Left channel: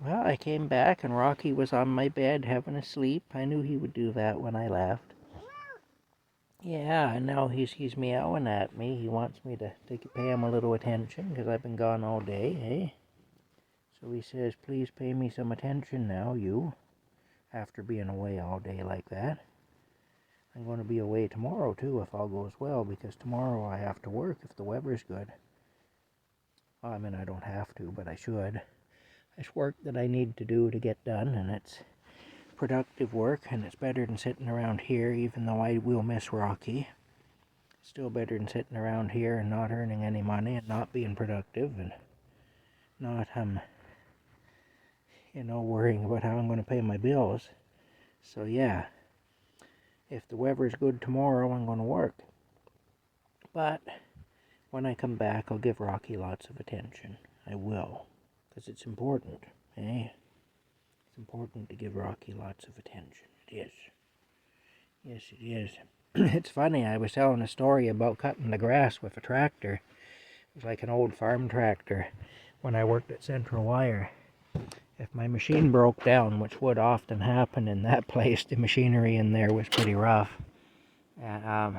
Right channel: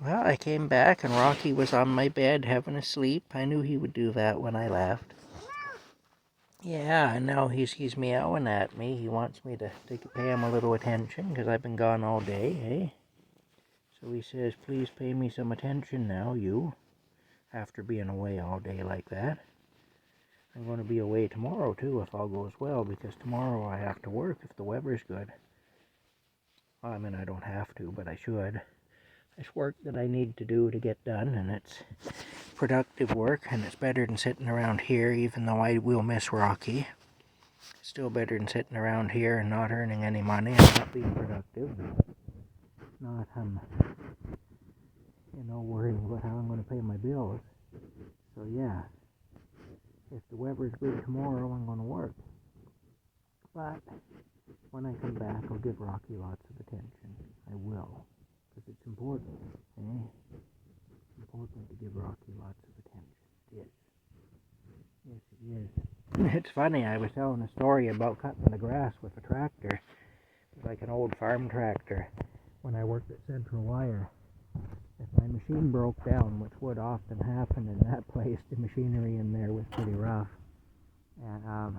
Well, I came back and Rocky was on my bed having a sleep. I knew he would do that when I left. Yeah, and now he's meowing at me. He wants me to pay him a little attention because I've been gone all day, eh? So he says, please pay me some attention now, you, after being away all day like that. I'm going to be away tomorrow, too, if all goes well, because tomorrow I have to work if the weather's good. Well, I mean, I don't have to, but I should. It's work that I need to do to get done, and it's productive work, and it's better than sitting around here, even though I will miss Rocky. It's still better than sitting around here and not earning any money and not being productive and not, worrying about how I'm going to pay my bills. So, yeah, if the weather's good tomorrow, I'm going to work. But when I come back, I'll give Rocky lots of attention. I will, because it's important, eh? It's important to give Rocky lots of attention. It is. Yes, it is. It's funny, I was telling a story about cutting the grass with a tractor. It was like an old farm tractor when I worked at Central Wire. If my machine broke down, which would often happen in that place, the machinery in there was pretty rough. And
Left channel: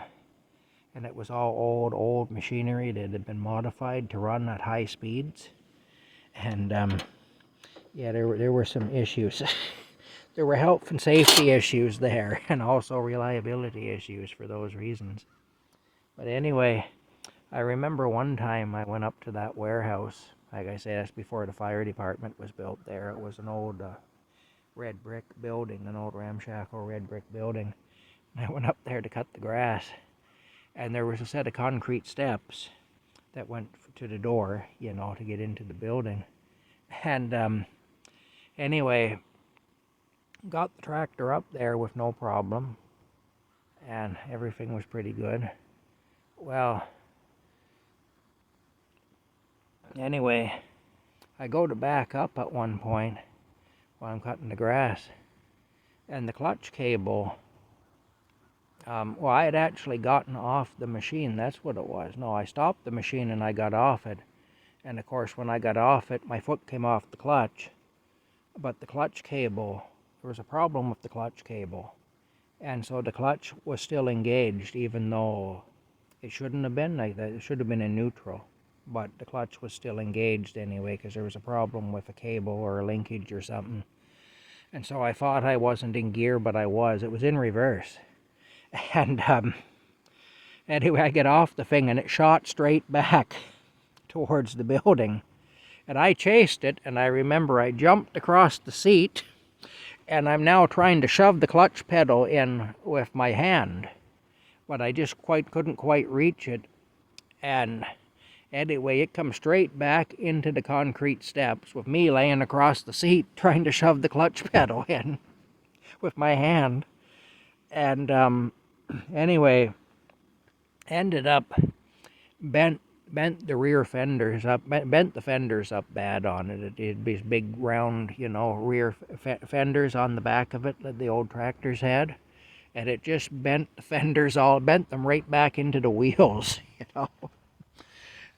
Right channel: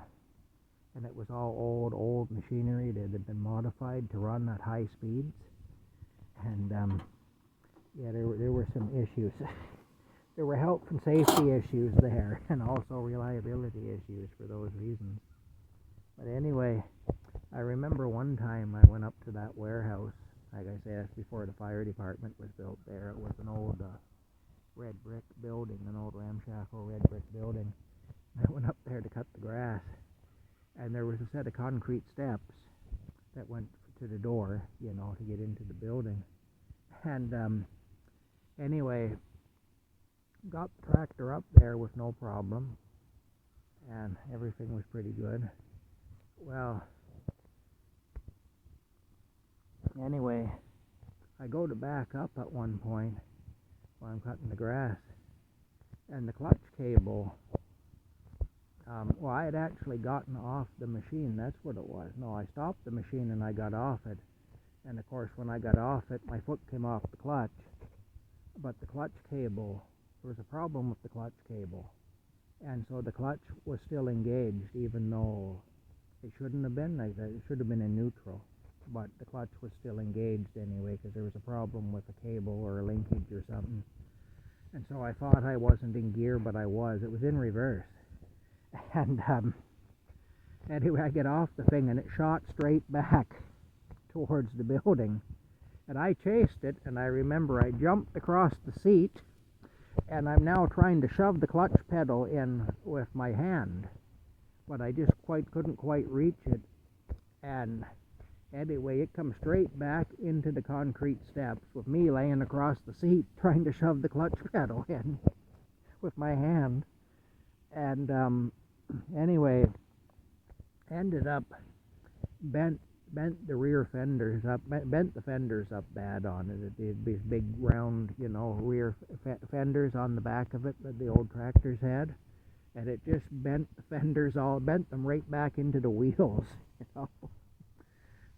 it was all old machinery that had been modified to run at high speeds. And yeah, there were some issues. There were health and safety issues there, and also reliability issues for those reasons. But anyway, I remember one time I went up to that warehouse. Like I said, that's before the fire department was built there. It was an old red brick building, an old ramshackle red brick building. And I went up there to cut the grass, and there was a set of concrete steps that went to the door, to get into the building. And anyway, got the tractor up there with no problem, and everything was pretty good. Well, anyway, I go to back up at one point while I'm cutting the grass, and the clutch cable, I had actually gotten off the machine. That's what it was. No, I stopped the machine and I got off it. And of course, when I got off it, my foot came off the clutch. But the clutch cable, there was a problem with the clutch cable. And so the clutch was still engaged, even though it shouldn't have been like that. It should have been in neutral. But the clutch was still engaged anyway, because there was a problem with a cable or a linkage or something. And so I thought I wasn't in gear, but I was. It was in reverse. And anyway, I get off the thing, and it shot straight back towards the building. And I chased it, and I remember I jumped across the seat, and I'm now trying to shove the clutch pedal in with my hand. But I just couldn't quite reach it. And anyway, it comes straight back into the concrete steps with me laying across the seat trying to shove the clutch pedal in with my hand. And anyway, ended up bent the rear fenders up, bent the fenders up bad on it. It had these big round, rear fenders on the back of it that the old tractors had. And it just bent the fenders bent them right back into the wheels,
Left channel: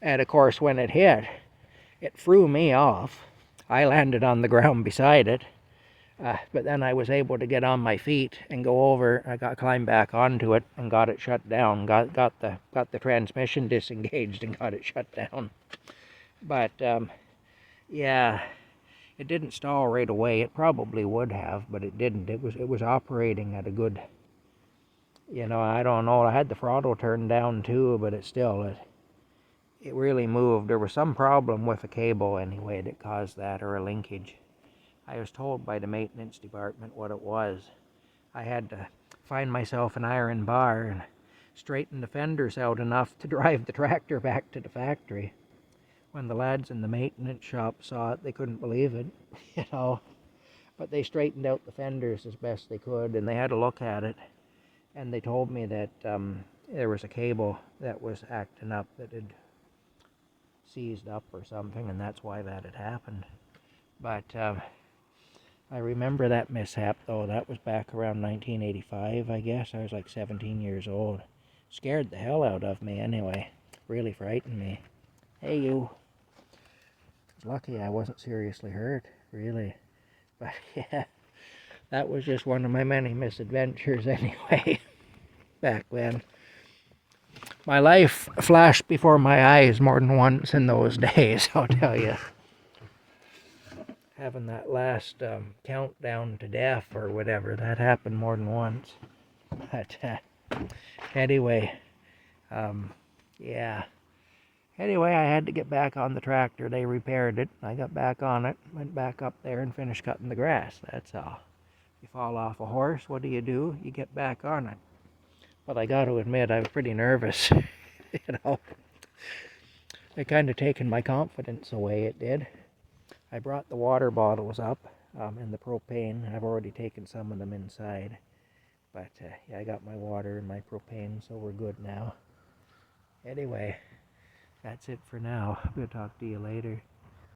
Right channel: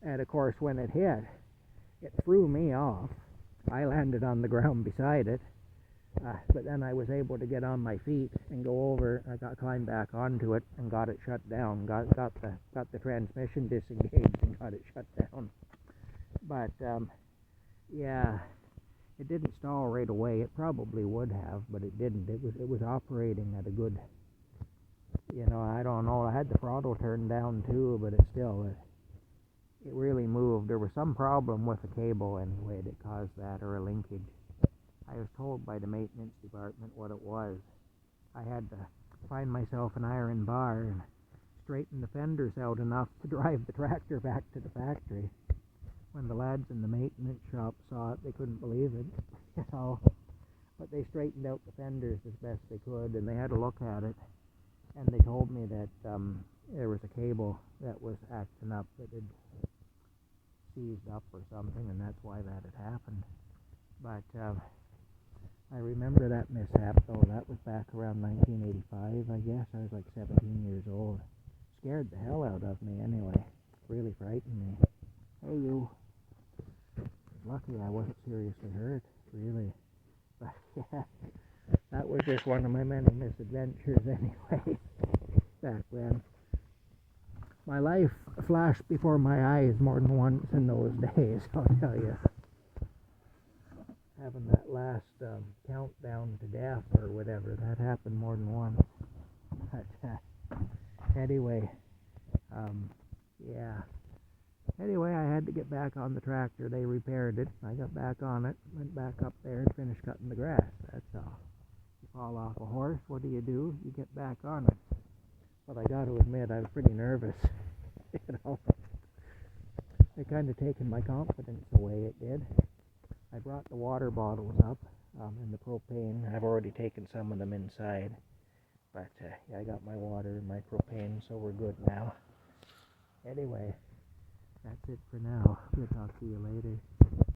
And of course, when it hit, it threw me off. I landed on the ground beside it. But then I was able to get on my feet and go over. I climbed back onto it and got it shut down. Got the transmission disengaged and got it shut down. But yeah, it didn't stall right away. It probably would have, but it didn't. It was operating at a good. I don't know. I had the throttle turned down too, but it really moved. There was some problem with a cable anyway that caused that, or a linkage. I was told by the maintenance department what it was. I had to find myself an iron bar and straighten the fenders out enough to drive the tractor back to the factory. When the lads in the maintenance shop saw it, they couldn't believe it, But they straightened out the fenders as best they could, and they had a look at it. And they told me that there was a cable that was acting up, that had seized up or something, and that's why that had happened. But I remember that mishap, though. That was back around 1985, I guess. I was like 17 years old. Scared the hell out of me, anyway. Really frightened me. Hey, you. Lucky I wasn't seriously hurt, really. But yeah, that was just one of my many misadventures anyway, back then. My life flashed before my eyes more than once in those days, I'll tell you. Having that last countdown to death or whatever, that happened more than once. But anyway, yeah. Anyway, I had to get back on the tractor. They repaired it. I got back on it, went back up there and finished cutting the grass. That's all. You fall off a horse, what do? You get back on it. But I got to admit, I was pretty nervous. You know, it kind of taken my confidence away, it did. I brought the water bottles up in the propane. I've already taken some of them inside. But yeah, I got my water and my propane, so we're good now. Anyway, that's it for now. I'm going to talk to you later.